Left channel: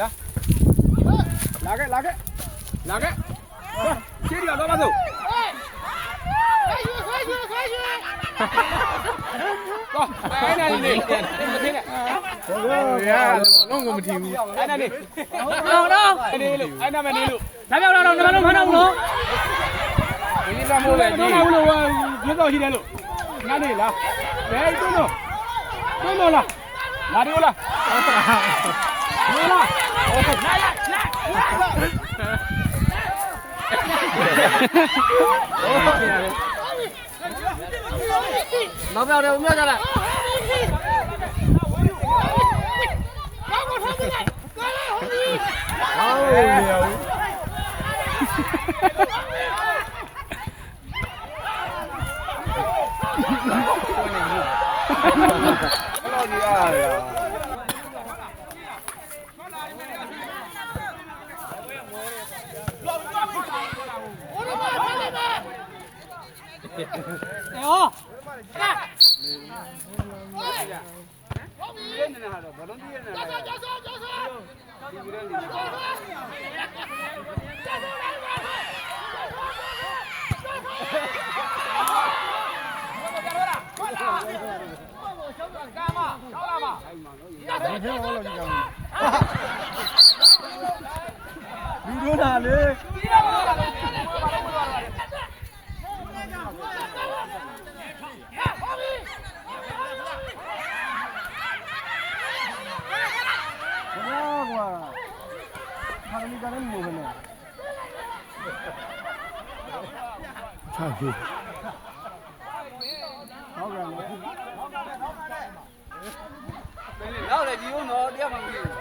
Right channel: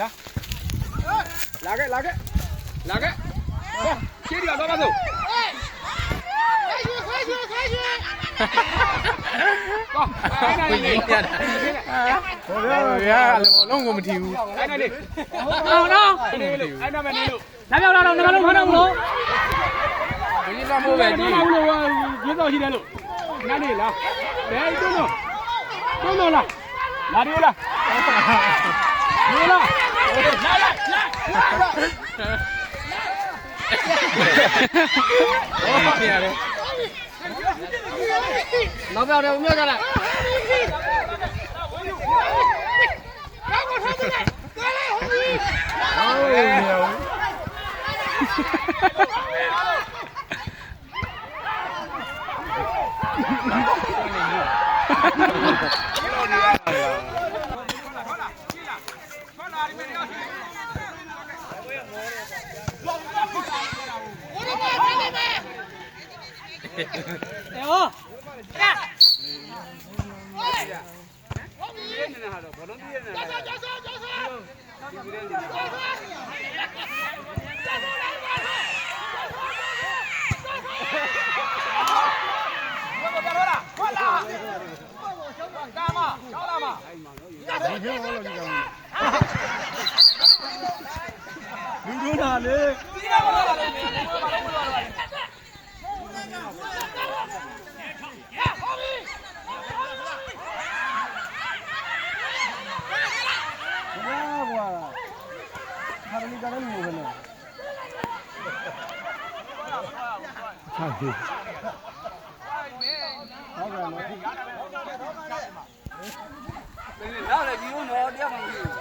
လာခဲ့ရှေ့ရတော့တော့အဲ့ဒါလေးလုံးကိုမထီဘူးအဲ့ဒါလေးဟုတ်တော့အဲ့ဒါပဲနေလို့လာပြောက်လာတော့နမလုံးဖမ်းတော့ဘူးလို့ဒီနေ့မိုးပဲတော့ဘူးလို့ဘယ်တော့ရှိတယ်လို့နားနေလားဘယ်တွန်းတော့လားလာတယ်လားနေလားမပြောတော့မြတ်ကြလားရောက်လေဒီဦးတော့တရားမှမသိဘူး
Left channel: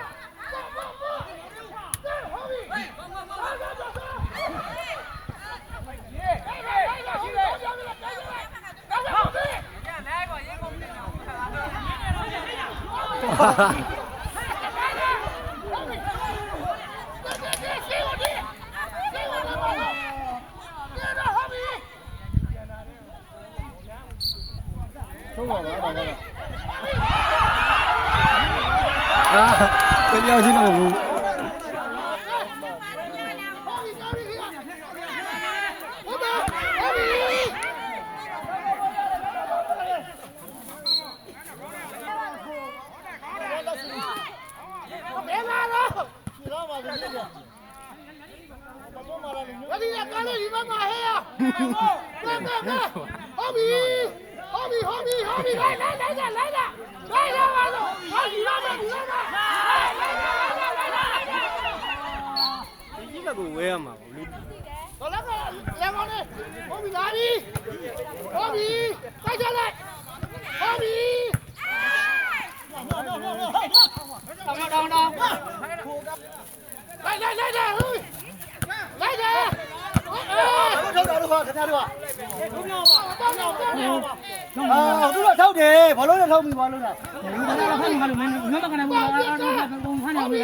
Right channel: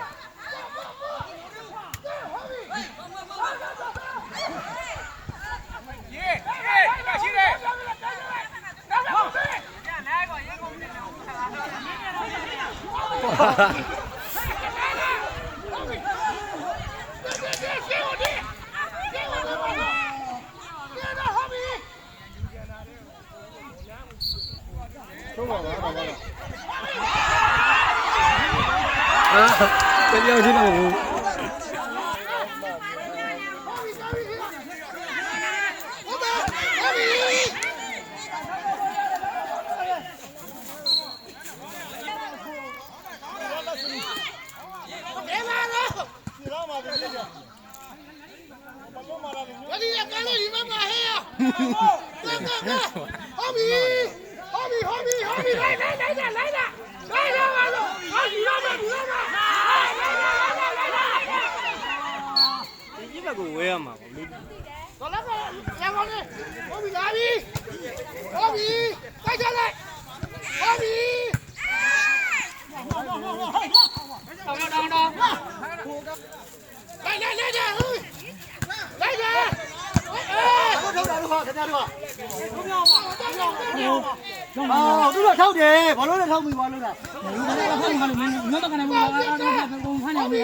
เป็นยังที่หนูကိုဝဲရမှာပေါ့လူဘာလဲရပါနဲ့ဟုတ်ပြီလာပြီဟုတ်ပြီတိုက်ကြလိုက်ဟုတ်ပြီတောင်းလိုက်ဟုတ်ပြီလိုက်တယ်ဘာလို့ထောက်တယ်ဘာလို့လဲထောက်ပြီးဘာလို့လဲဘာလို့ဖမ်းနေမှာလို့မင်းတော့ကနေဘူးလားအားတော့ဖမ်းနေပြီ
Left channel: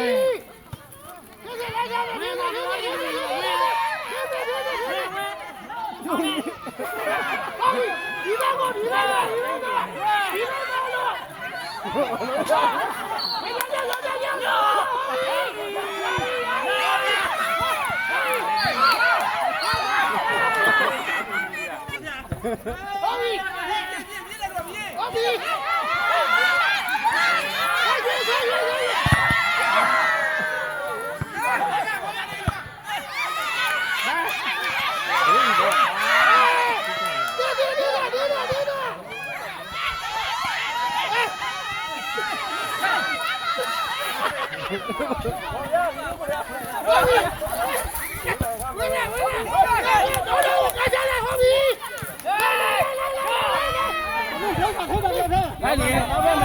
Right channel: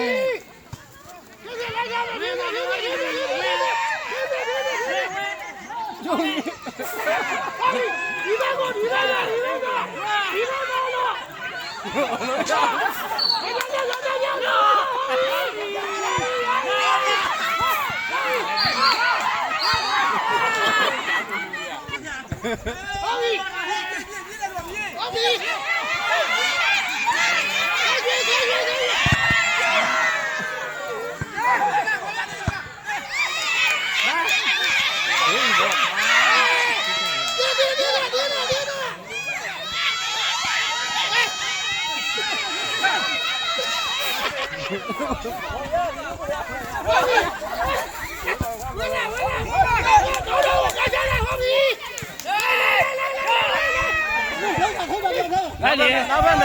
来你，老板们，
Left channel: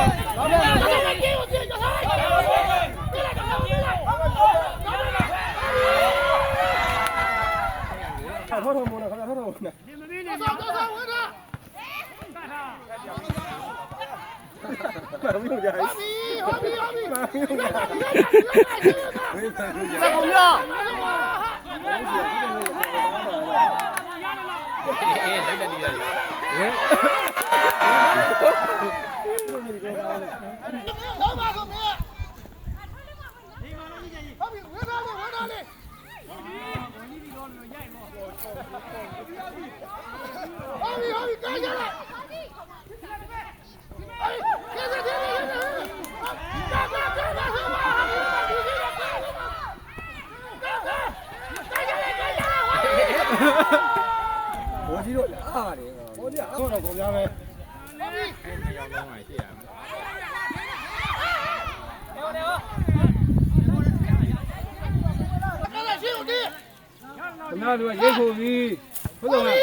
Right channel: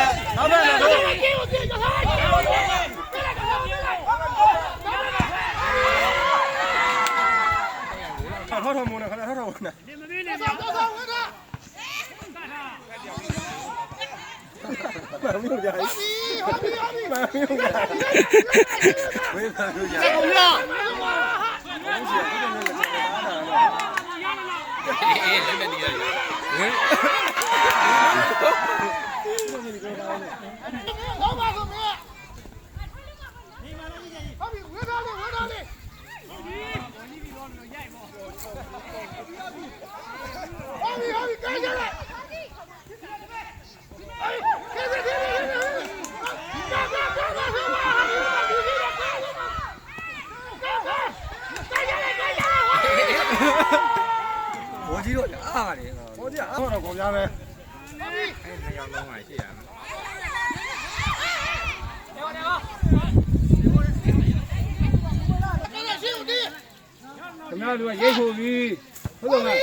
看头头木呢，看头头木呢。干什么去？在公交。ပါတယ်ဟိုကြာတော့ကုန်ကြမယ်နှစ်ယောက်လုံးမှရှိရမယ်ခင်ဗျားတို့ကရိတ်ဖို့ပြီဟုတ်တယ်မလား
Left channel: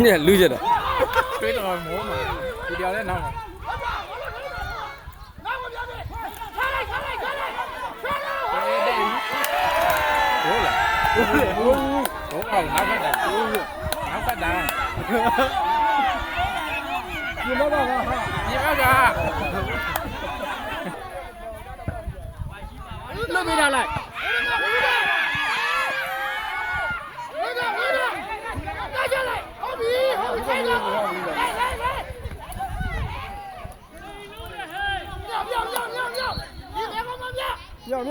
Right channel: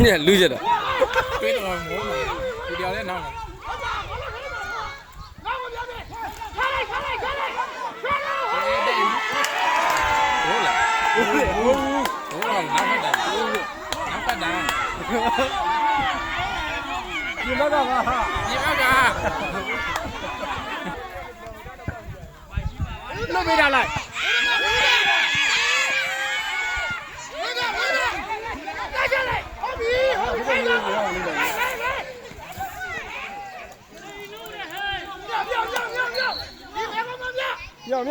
เนี่ยလူကြတော့ တွေးတော့မိုးမှာဒီတရားလည်းနောက်မှာဟုတ်လားဟုတ်အောင်ငါဖတ်တာငါဖတ်တာဒီမှာတော့ဟာဒီမှာပါလွတ်ပေးတာလိုက်မြောက်ဘ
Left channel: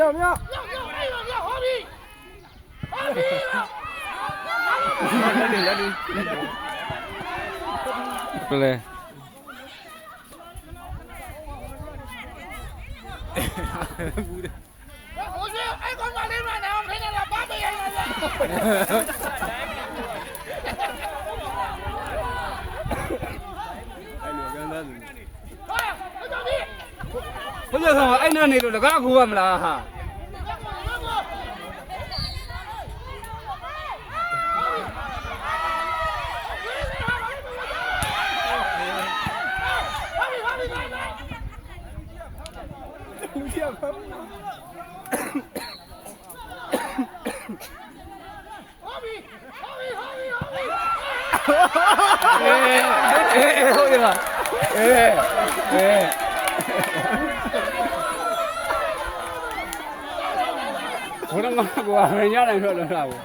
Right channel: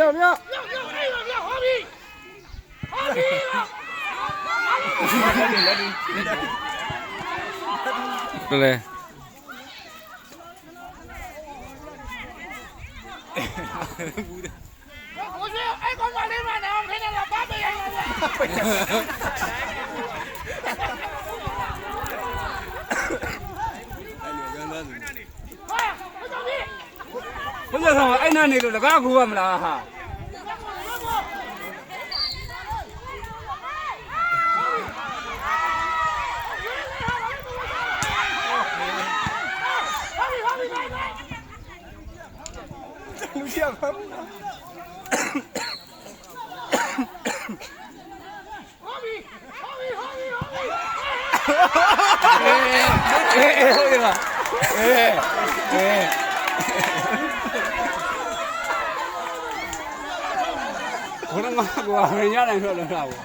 ယ်လဲဘယ်လိုဆောင်အဲ့နာနေလို့လကားကူရမလားဟာလူချပါဟုတ်တယ်လားဘယ်မှာကွာမရနိုင်တော့လားဘူး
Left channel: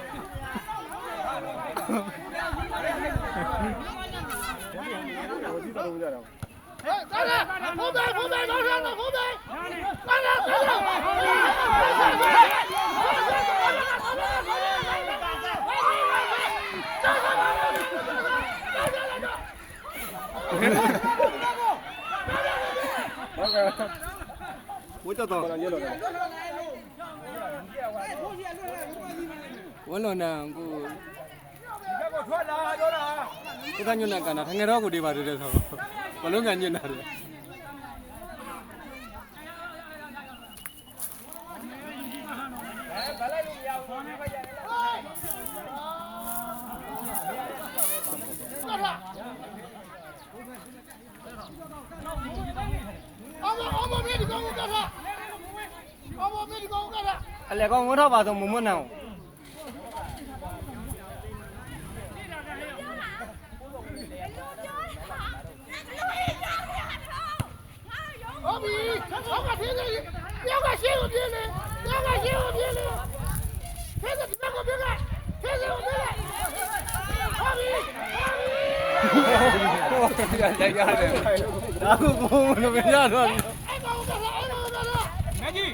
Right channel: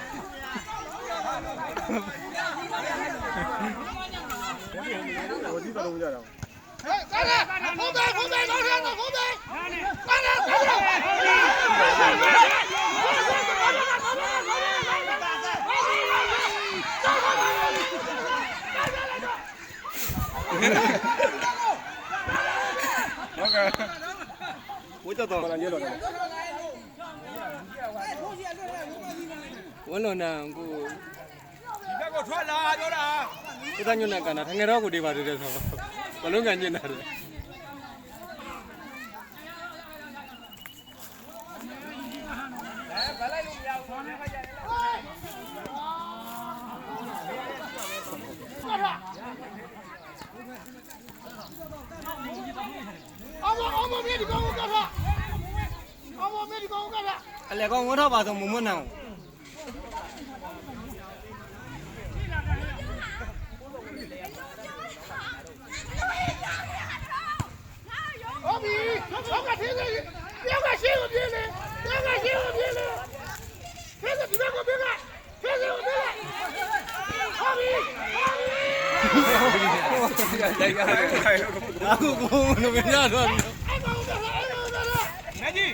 ဝတ်တော့ဘာလဲလို့လဲဝလုံးနာကိုဒီဘက်ကိုထွက်လာပြောတာဒီကညနေကနာထငယ်တော့ကိုဒီပါတယ်ဆိုဘလုံးကညနေတယ်အလေကောင်ဝတ်ထားပါဆိုမမွန်းအောင်ဟုတ်ပြီဟုတ်ကဲ့ဒီနေ့ပြောကရှင်းကိုပြင်းနေပြောကရှင်းကိုပြင်းနေခဲစဒီဘက်ကိုပြင်းကခဲစကိုပြင်းဟုတ်ပြီဒါကိုကိုမမရတော့ဘူးငါကြီး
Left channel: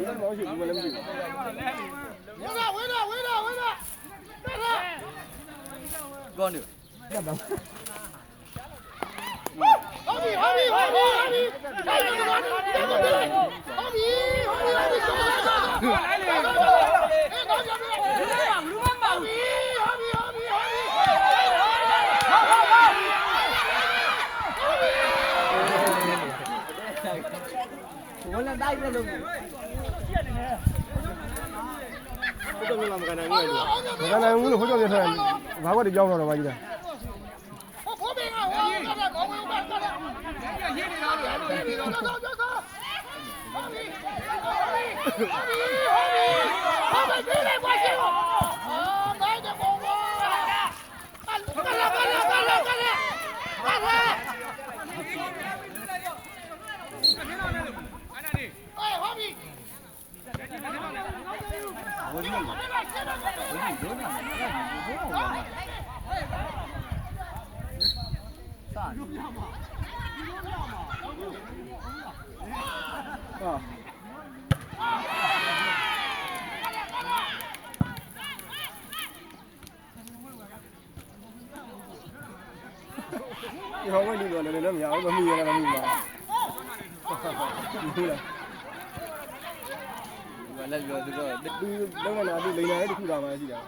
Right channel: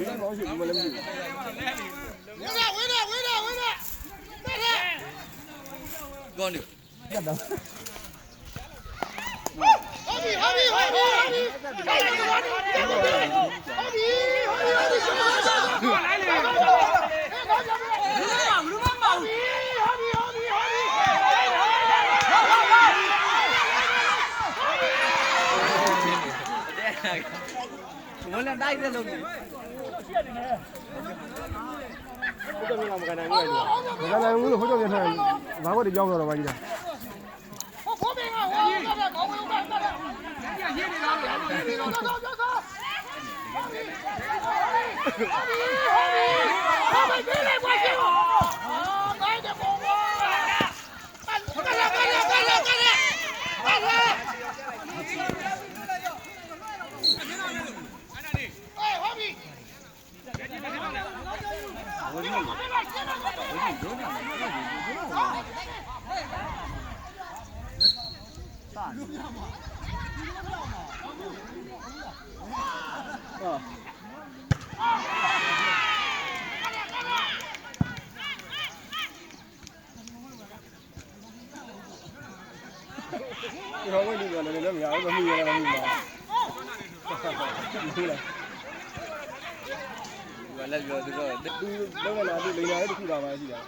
ဒီမှာမရှိဘူးမလည်းမရှိဘူးဝေးတော့ကောင်းတယ်ရတော့ဟုတ်ပြီ我俩带个了没？我这边老没干那个了，我干那我好久没穿，哪个的腰了吧？你看。ဒီဟောဝင်ဒီကလည်းလည်းမရဘူးမမီရလည်းမမီပါဘူးလားလည်းပြောသူလုံးလာပြီးလိန်လာတဲ့ခုတာမှရှိတာ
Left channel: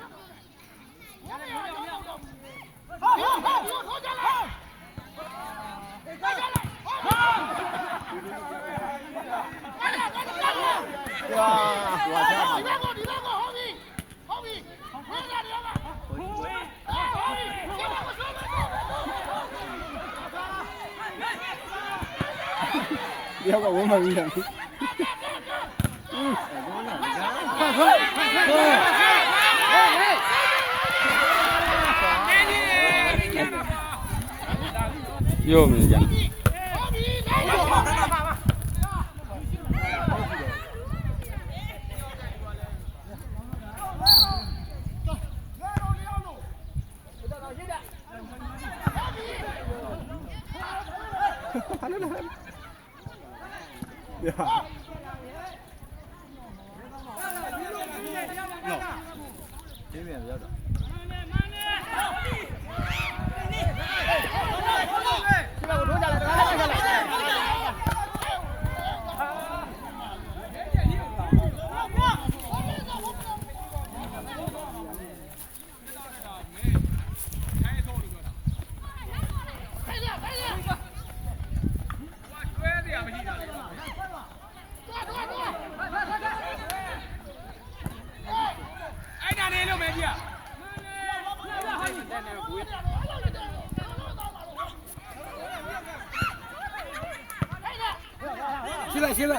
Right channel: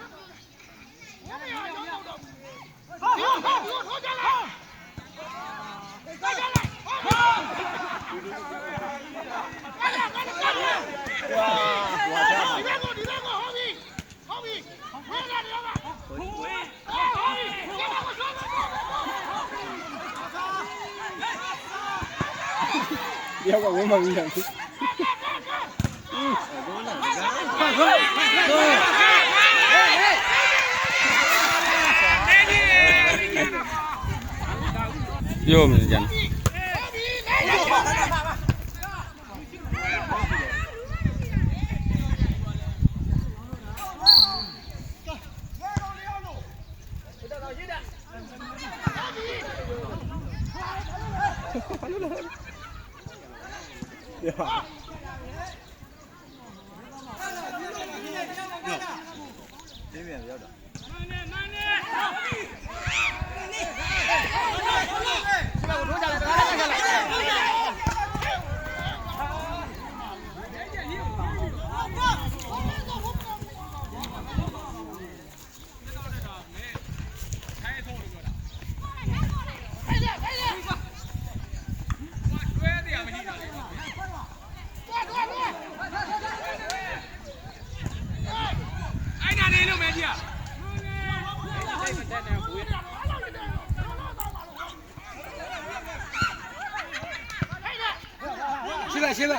要个我们一样。ပြောမနေကြဘူး现在。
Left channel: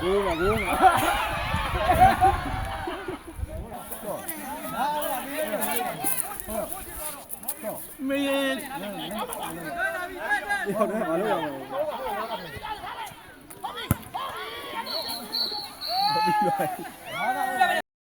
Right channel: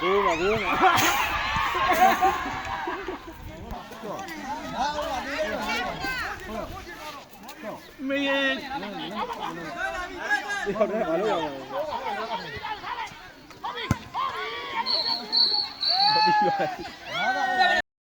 我没有，没。